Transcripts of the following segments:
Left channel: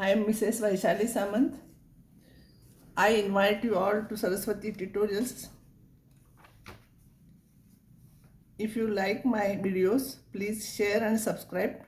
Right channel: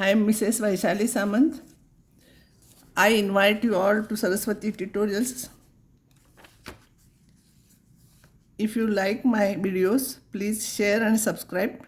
I am Mrs. Vaishali Samant. I invite you all to Saraswati tutorials. If you like my videos, please share and subscribe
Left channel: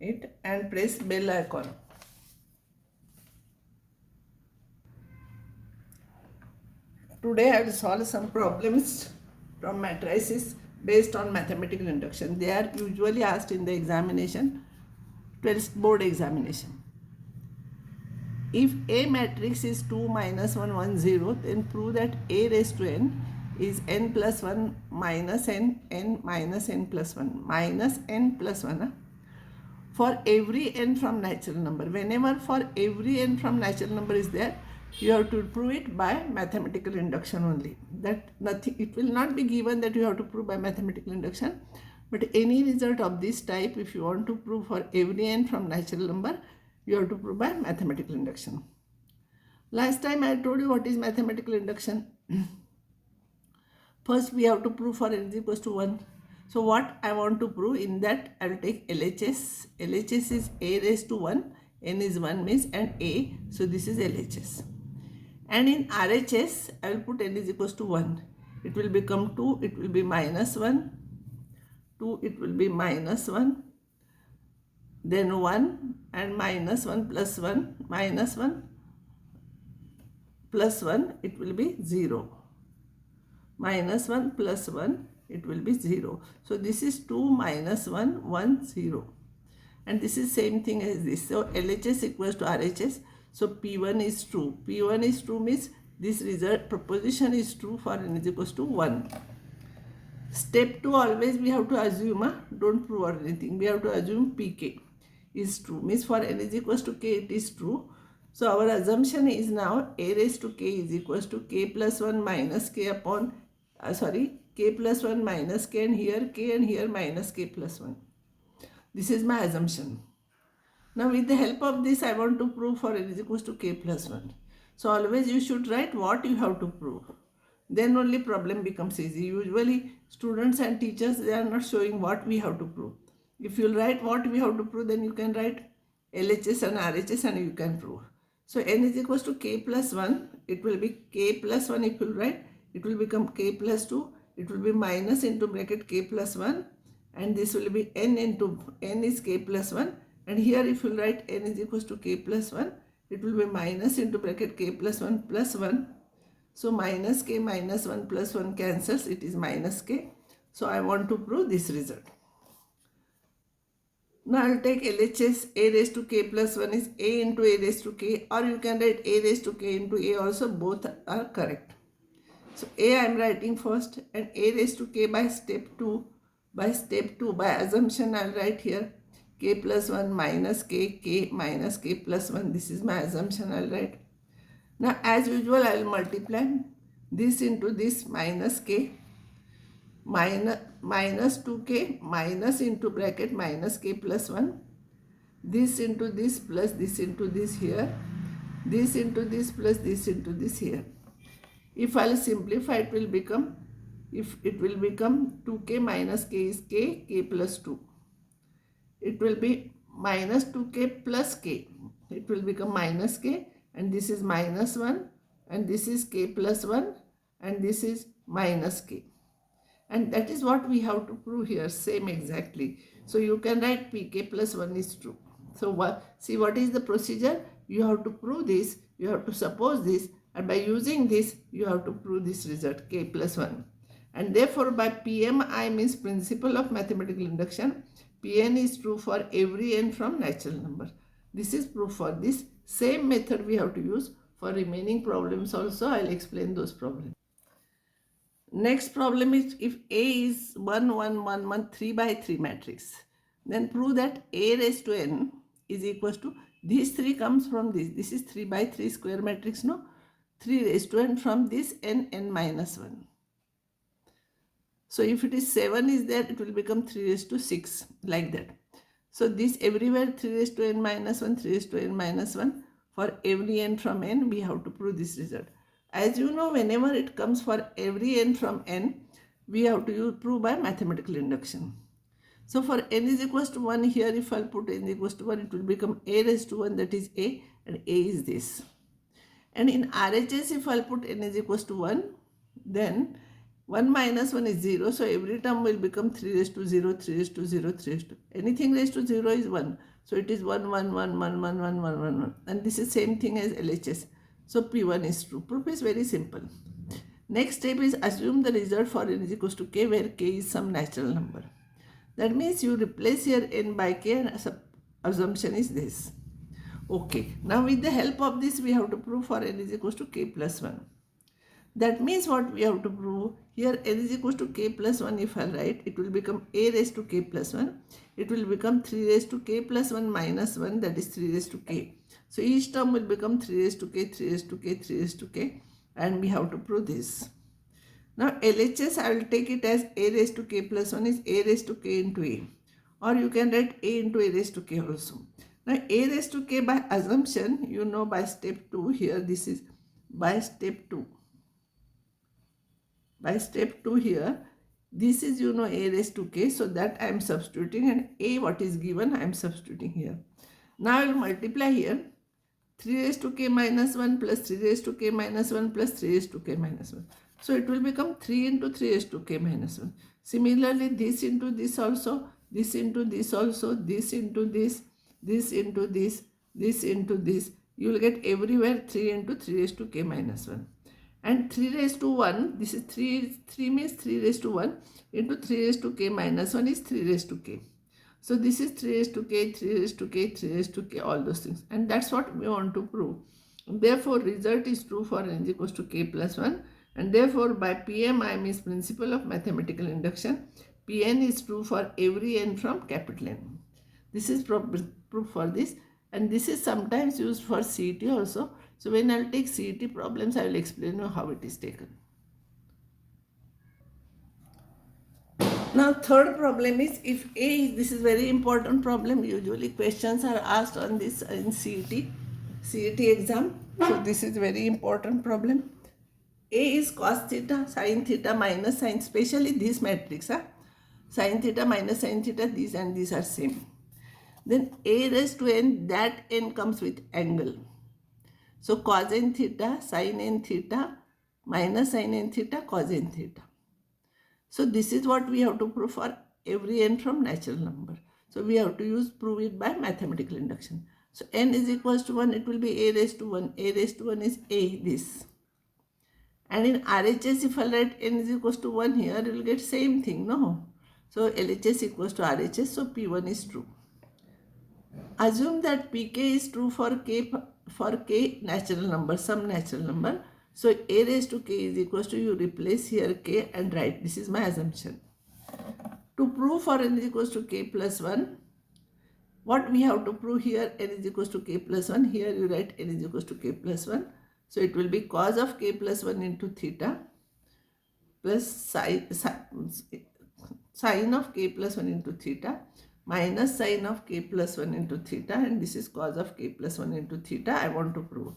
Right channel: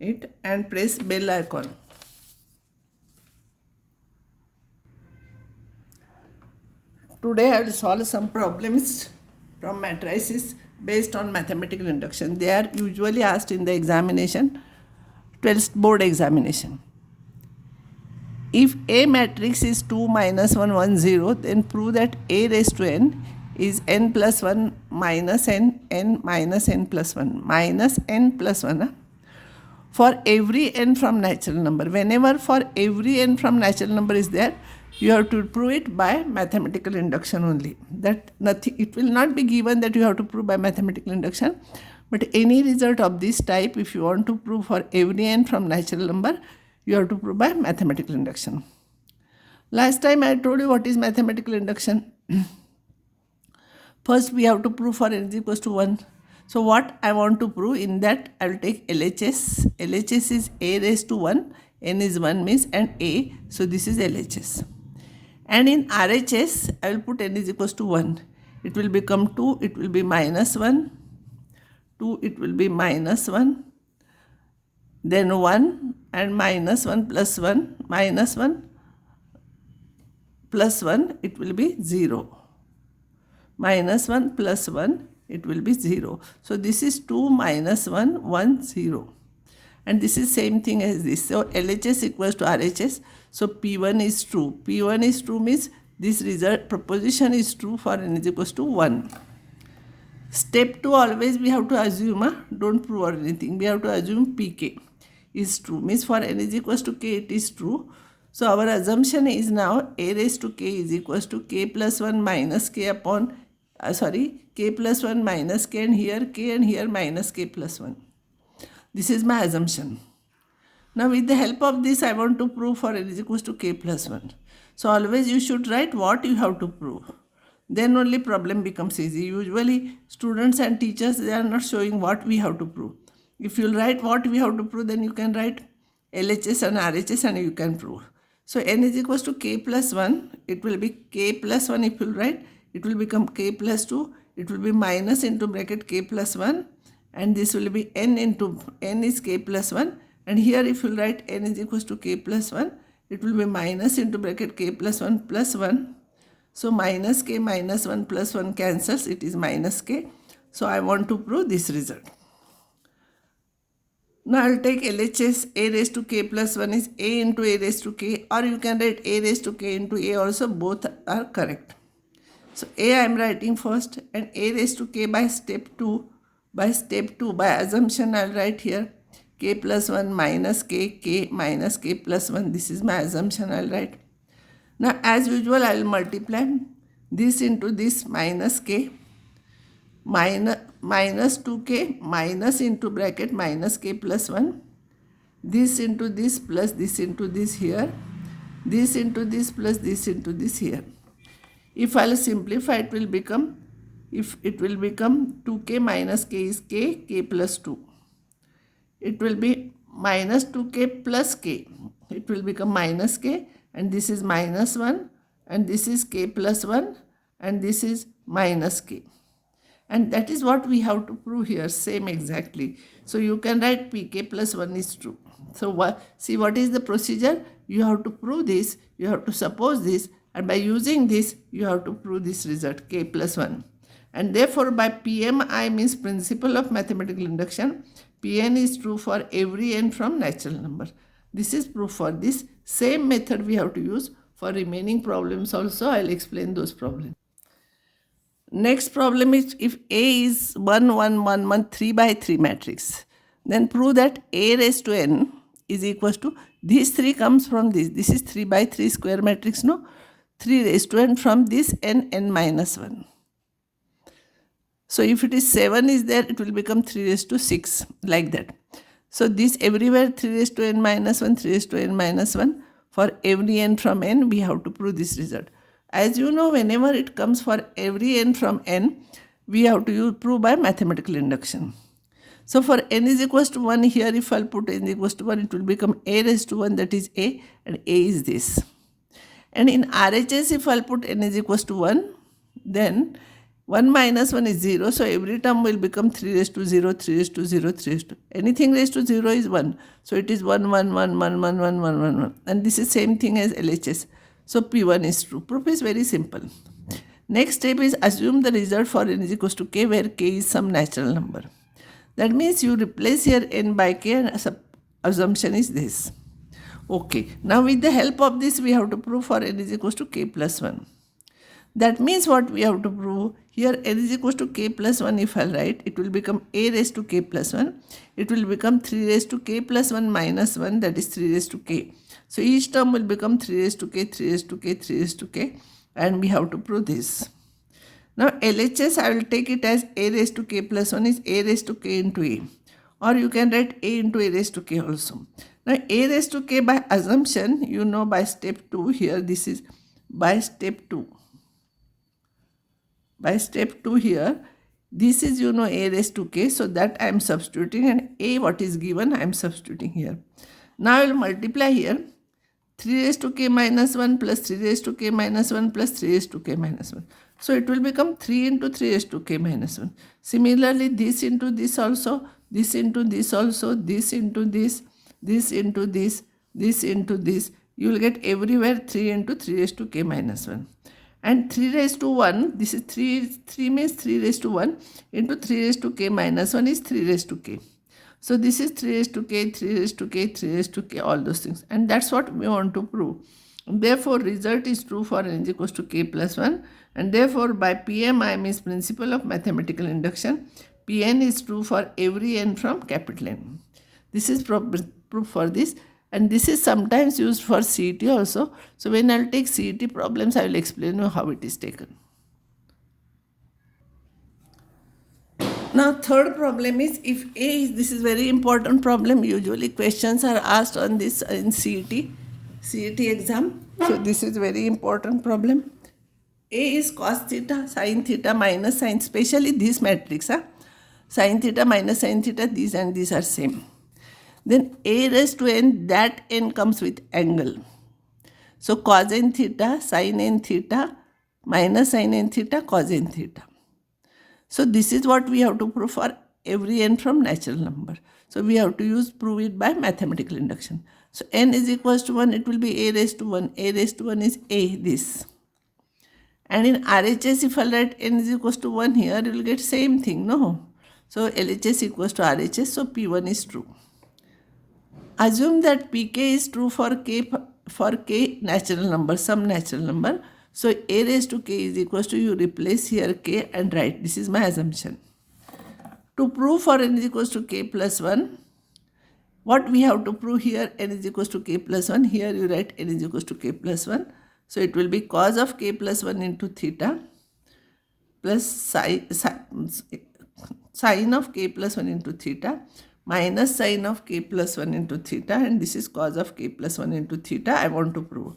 it and press bell icon. Today I will solve some problems from matrices based on mathematical induction. They are usually asked in the examination, 12th board examination. If A matrix is 2 minus 1 1 0, then prove that A raised to n is n plus 1 minus n minus n plus 1 minus n plus 1. For every n from natural number, whenever for every n from natural number is there, you have to prove it by mathematical induction only. That nothing, it will not be given that you have to prove by mathematical induction, but any result of this type, if you want to prove for every n from natural number, you have to prove by mathematical induction. Last time I told you what is mathematical induction. First we have to prove for n is equals to 1. So what I want to prove, in that I will take LHS. LHS is a raised to 1, n is 1 means and a, so this is LHS. And in RHS I will put n is equals to 1. It will become 2, it will be minus 1, 2 it will be minus 1, then 1 and minus 1 plus 1, minus 1 plus 1, it will be 0. Minus 1 plus 1, it will be 0. So this is 2 minus 1, 1, 0. And this is same thing as this. So LHS equals to RHS. So P1 is true. P1 is true means this result proposition is true for n is equals to 1. Step 2, always we have to assume, don't prove or anything. We have to assume Pk is true. Means for n is equals to k, it is true. So our assumption is now a raised to k is equals to k plus 1 minus k upon, k plus 1 minus k, and here minus k plus 1. This is my assumption. Now with the help of this, I want to prove for n is equals to k plus 1. So always you should write what you have to prove. Then only problem becomes easy. Usually students and teachers, they are not showing what we have to prove. If you write what we have to prove, then you can write LHS and RHS and you can prove. So n is equals to k plus 1. It will be k plus 1 if you write. It will become k plus 2. It will be minus into bracket k plus 1. And this will be n into n is k plus 1. And here if you write n is equals to k plus 1, it will be minus into bracket k plus 1 plus 1. So minus k minus 1 plus 1 cancels. It is minus k. So I want to prove this result. Now I will take LHS. A raised to k plus 1 is a into a raised to k, or you can write a raised to k into a also. Both are correct. So a I am writing first, and a raised to k by step 2. By step 2, by assumption I will write here k plus 1 minus k minus k plus 1. This is my assumption I will write. Now as usual I will multiply this into this minus k, minus 2k minus into bracket minus k plus 1, this into this plus this into this here, this into this plus this into this here. If I will simplify, it will become, 2k minus k is k plus 2. It will be minus 2k plus k. It will become minus k, and this is minus 1, and this is k plus 1, and this is minus k. And that is what we have to prove here, same exactly. So you can write pk plus 1 is true. So see what is the procedure? You have to prove this, you have to suppose this, and by using this, you have to prove this result, k plus 1. And therefore by PMI means principle of mathematical induction, Pn is true for every n from natural number. This is proof for this. Same method we have to use for remaining problems also. I will explain those problems. Next problem is, if A is 1 1 1 1 3 by 3 matrix, then prove that A raised to n is equals to, this 3 comes from this. This is 3 by 3 square matrix, no? 3 raised to n from this n minus 1. So if it is 7 is there, it will become 3 raised to 6, like that. So this everywhere 3 raised to n minus 1, 3 raised to n minus 1. For every n from n, we have to prove this result. As you know, whenever it comes for every n from n, we have to prove by mathematical induction. So for n is equals to 1 here, if I'll put n is equals to 1, it will become a raised to 1, that is a, and a is this. And in RHS, if I'll put n is equals to 1, then 1 minus 1 is 0. So every term will become 3 raised to 0, 3 raised to 0, 3 raised to. Anything raised to 0 is 1. So it is 1, 1, 1, 1, 1, 1, 1, 1, 1. And this is same thing as LHS. So P1 is true. Proof is very simple. Next step is assume the result for n is equals to k, where k is some natural number. That means you replace here n by k, and assumption is this. Okay, now with the help of this, we have to prove for n is equals to k plus 1. That means what we have to prove here, n is equals to k plus 1, if I write, it will become a raised to k plus 1. It will become 3 raised to k plus 1 minus 1, that is 3 raised to k. So each term will become 3 raised to k, 3 raised to k, 3 raised to k, and we have to prove this. Now LHS, I will take it as a raised to k plus 1 is a raised to k into a. Or you can write a into a raised to k also. Now a raised to k by assumption, you know by step 2 here, this is by step 2. By step 2 here, this is you know a raised to k, so that I am substituting, and a what is given I am substituting here. Now I will multiply here 3 raised to k minus 1 plus 3 raised to k minus 1 plus 3 raised to k minus 1. So it will become 3 into 3 raised to k minus 1. Similarly, this into this also, this into this also, this into this, this into this, this into this. You will get everywhere 3 into 3 raised to k minus 1. And 3 raised to 1, this is 3 means 3 raised to 1 into 3 raised to k minus 1 is 3 raised to k. So this is 3 raised to k, 3 raised to k, 3 raised to k, all those things. And that's what we want to prove. Therefore, result is true for n is equals to k plus 1. And therefore, by PMI means principle of mathematical induction, Pn is true for every n from capital N. This is proof for this. And this is sometimes used for CET also. So when I'll take CET problems, I will explain you how it is taken. Now third problem is if A is, this is very important problem. Usually questions are asked on this in CET exam. So this is very important problem. A is cos theta, sin theta minus sin, especially this matrix. Sin theta minus sin theta, these and these are same. Then a raised to n, that n comes with angle. So cos n theta, sin n theta, minus sin n theta, cos n theta. So this is what we have to prove for every n from natural number. So we have to prove it by mathematical induction. So n is equals to 1, it will be a raised to 1. A raised to 1 is a, this. And in RHS, if I write n is equals to 1 here, you will get same thing, no? So LHS equals to RHS, so P1 is true. Assume that Pk is true for k natural number, some natural number. So a raised to k is equals to, you replace here k and write. This is my assumption. To prove for n is equals to k plus 1, what we have to prove here, n is equals to k plus 1. Here you write n is equals to k plus 1. So it will be cos of k plus 1 into theta plus sine of k plus 1 into theta minus sine of k plus 1 into theta, and this is cos of k plus 1 into theta I want to prove.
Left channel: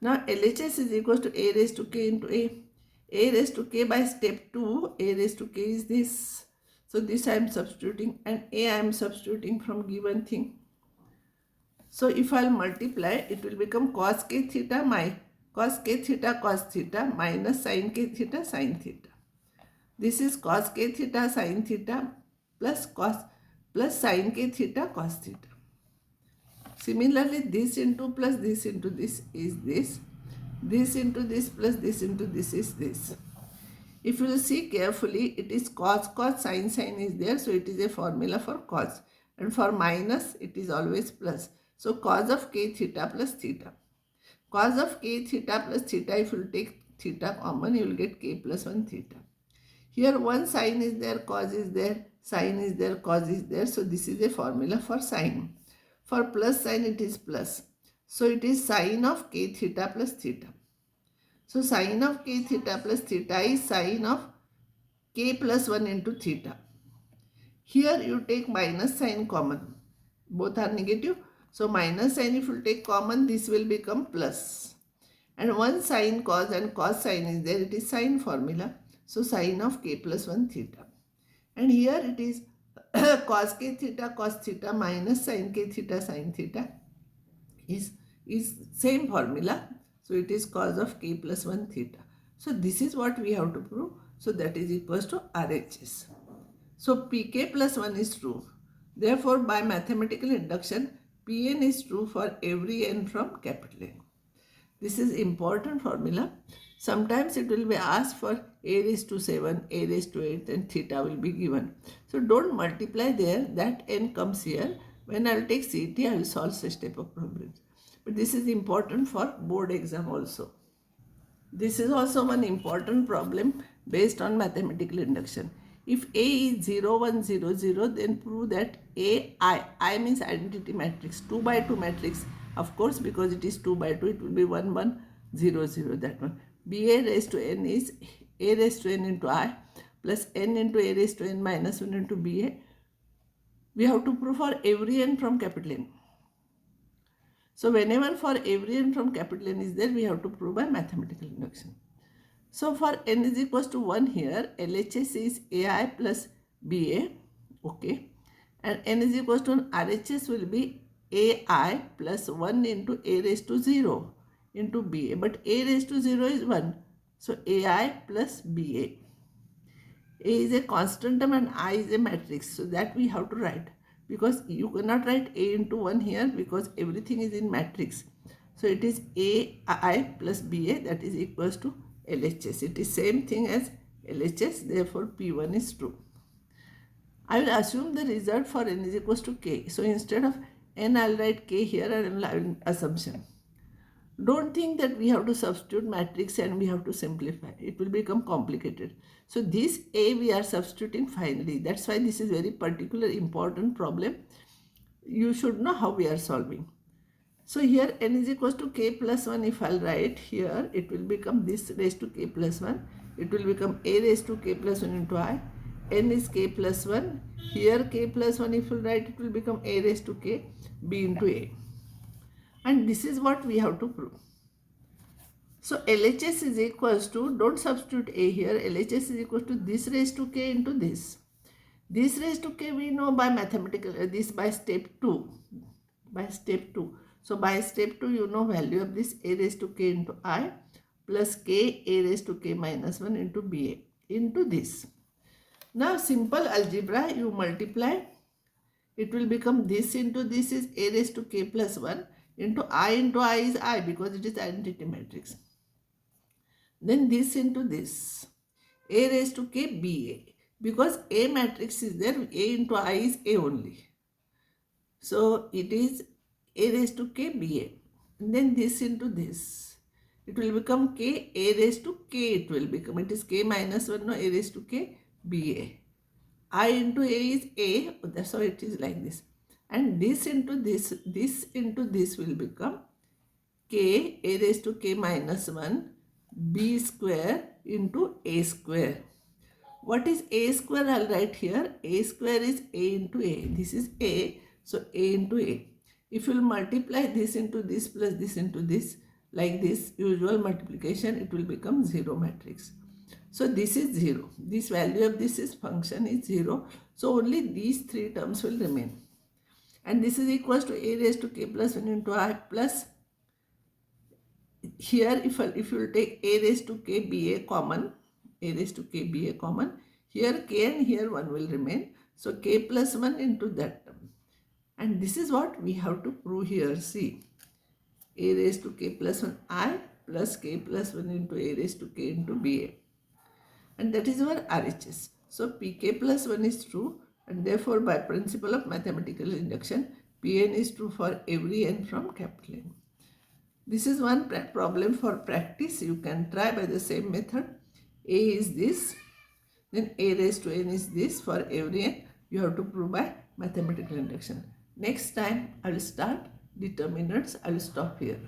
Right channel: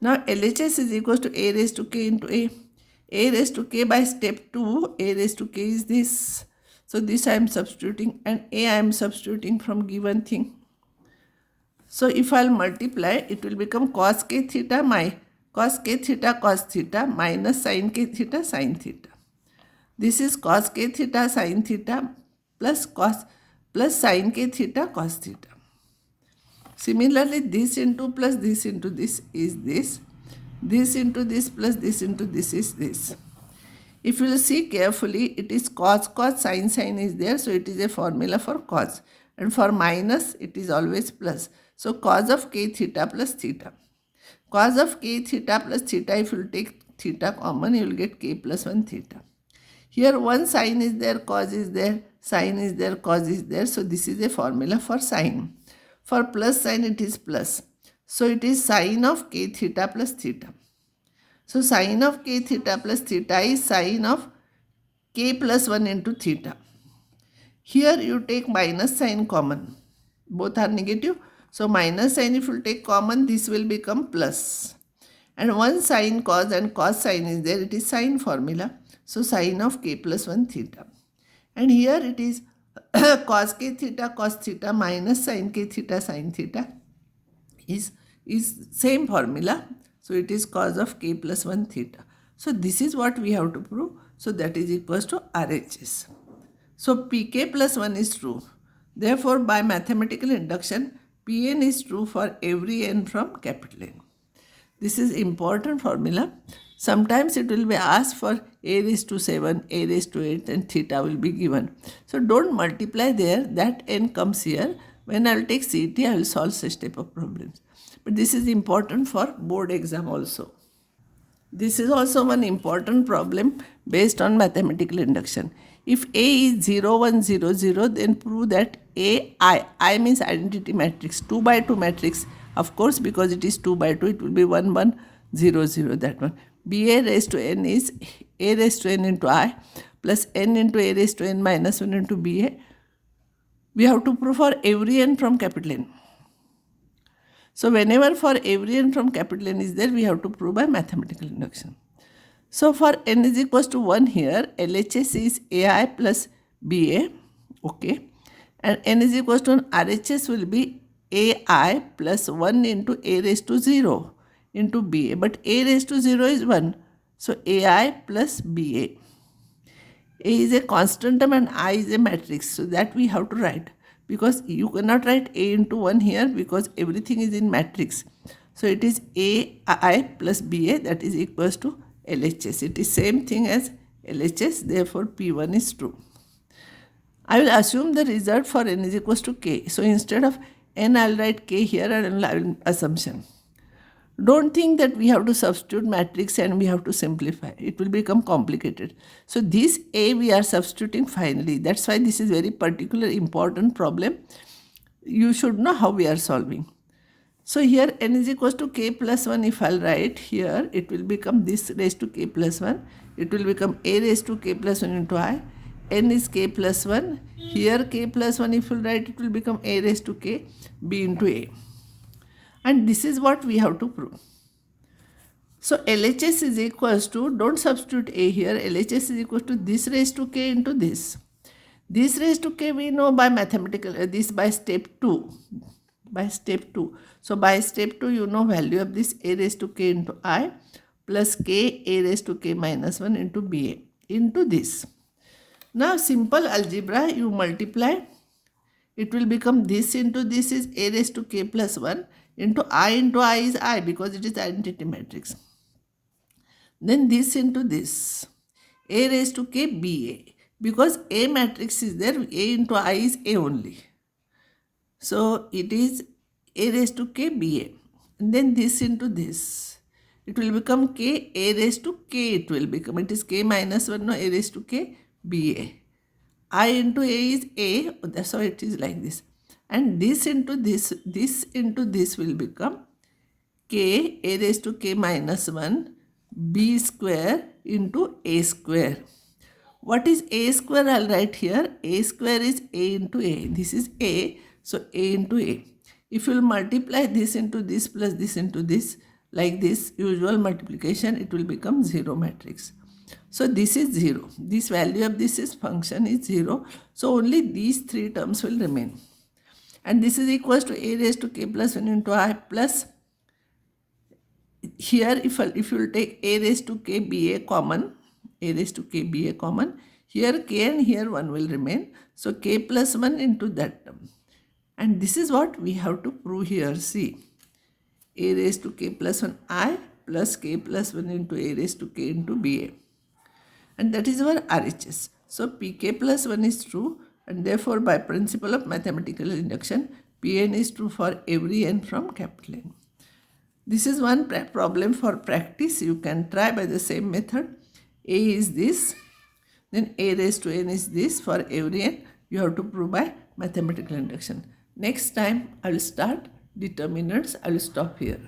Now LHS is equals to a raised to k into a. A raised to k by step 2, a raised to k is this. So this I am substituting, and a I am substituting from given thing. So if I will multiply, it will become cos k theta cos k theta cos theta minus sin k theta sin theta. This is cos k theta sin theta plus sin k theta cos theta. Similarly, this into plus this into this is this. This into this plus this into this is this. If you see carefully, it is cos sin is there. So it is a formula for cos. And for minus, it is always plus. So cos of k theta plus theta. Cos of k theta plus theta, if you take theta common, you will get k plus 1 theta. Here one sin is there, cos is there, sin is there, cos is there. So this is a formula for sin. For plus sign, it is plus. So it is sin of k theta plus theta. So sin of k theta plus theta is sin of k plus 1 into theta. Here you take minus sign common. Both are negative. So minus sign, if you take common, this will become plus. And one sin cos and cos sin is there. It is sin formula. So sin of k plus 1 theta. And here it is cos k theta cos theta minus sin k theta sin theta is same formula. So it is cos of k plus 1 theta. So this is what we have to prove. So that is equals to RHS. So pk plus 1 is true. Therefore, by mathematical induction, Pn is true for every n from capital N. This is important formula. Sometimes it will be asked for a raised to 7, a raised to 8 and theta will be given. So don't multiply there, that n comes here. When I will take CET, I will solve such type of problems. But this is important for board exam also. This is also one important problem based on mathematical induction. If A is 0, 1, 0, 0, then prove that I means identity matrix, 2 by 2 matrix. Of course, because it is 2 by 2, it will be 1, 1, 0, 0, that one. BA raised to n is A raised to n into I plus n into A raised to n minus 1 into BA. We have to prove for every n from capital N. So whenever for every n from capital N is there, we have to prove by mathematical induction. So for n is equals to 1 here, LHS is AI plus BA, okay. And n is equals to RHS will be AI plus 1 into A raised to 0 into BA. But A raised to 0 is 1. So AI plus BA. A is a constant term and I is a matrix. So that we have to write. Because you cannot write A into 1 here because everything is in matrix. So it is AI plus BA, that is equals to LHS. It is same thing as LHS, therefore P1 is true. I will assume the result for n is equals to k. So instead of n, I will write k here and I will assumption. Don't think that we have to substitute matrix and we have to simplify. It will become complicated. So this A we are substituting finally. That's why this is very particular important problem. You should know how we are solving. So here n is equals to k plus 1. If I'll write here, it will become this raised to k plus 1. It will become A raised to k plus 1 into I. N is k plus 1. Here k plus 1 if you write, it will become A raised to k b into A. And this is what we have to prove. So LHS is equals to, don't substitute A here, LHS is equals to this raised to k into this. This raised to k we know by mathematical, this by step 2. By step 2. So by step 2 you know value of this A raised to k into I plus k A raised to k minus 1 into BA into this. Now simple algebra, you multiply, it will become this into this is A raised to k plus 1 into I is I because it is identity matrix. Then this into this, A raised to k BA, because A matrix is there, A into I is A only. So it is A raised to k BA. And then this into this, it will become k A raised to k, it will become, it is k minus 1, no, A raised to k BA. I into A is A, that's how it is like this. And this into this into this will become k A raised to k minus 1 b square into A square. What is A square? I'll write here. A square is A into A. This is A, so A into A. If you will multiply this into this plus this into this, like this usual multiplication, it will become 0 matrix. So this is 0. This value of this is function is 0. So only these three terms will remain. And this is equals to A raised to k plus 1 into I plus, here if you will take A raised to k BA common, A raised to k BA common, here k and here 1 will remain. So k plus 1 into that term. And this is what we have to prove here. See, A raised to k plus 1 I plus k plus 1 into A raised to k into BA. And that is our RHS. So pk plus 1 is true. And therefore, by principle of mathematical induction, Pn is true for every n from capital N. This is one problem for practice. You can try by the same method. A is this, then A raised to n is this. For every n, you have to prove by mathematical induction. Next time, I will start determinants. I will stop here.